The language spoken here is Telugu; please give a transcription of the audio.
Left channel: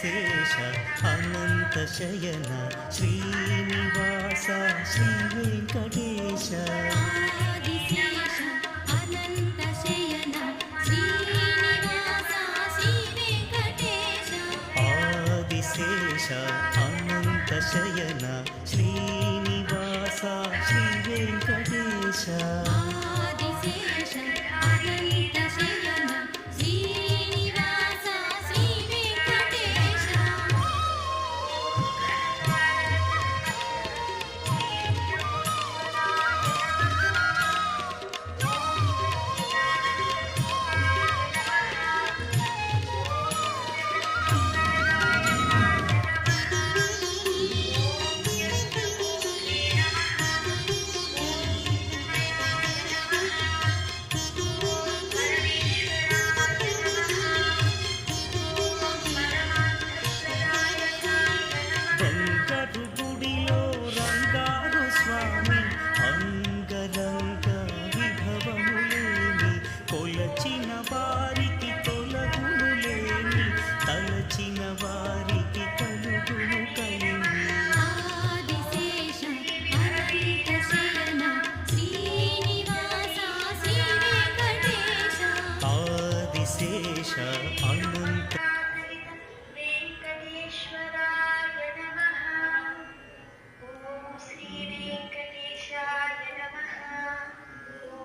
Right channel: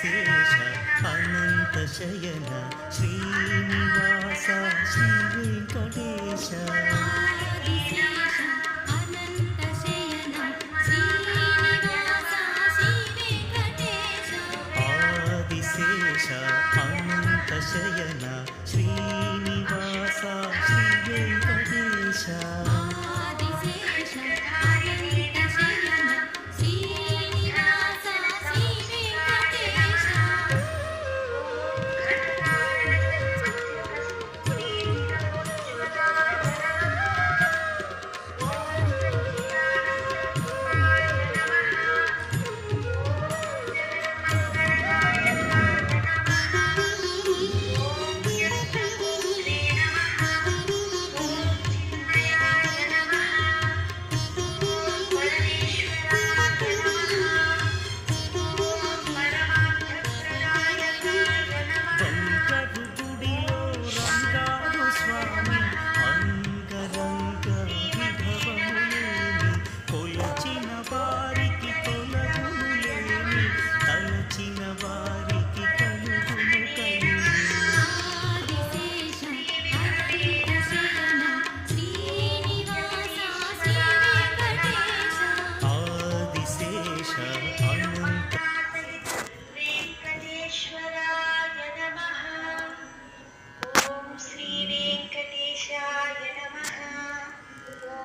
ఆదిశేష అనంత శయన శ్రీనివాస శ్రీ వెంకటేశ ఆదిశేష అనంత శయన శ్రీనివాస శ్రీ వెంకటేశ ఆదిశేష అనంత శయన శ్రీనివాస శ్రీ వెంకటేశ ఆదిశేష అనంత శయన శ్రీనివాస శ్రీ వెంకటేశ బంగారు గుడిలో రంగారు స్వామి అంగరంగ విభవములేని కొలచిన వారికి తొలగును లేని తలచిన వారికి కలుగును కలిగి ఆదిశేష అనంత శయన శ్రీనివాస శ్రీ వెంకటేశ ఆదిశేష అనంత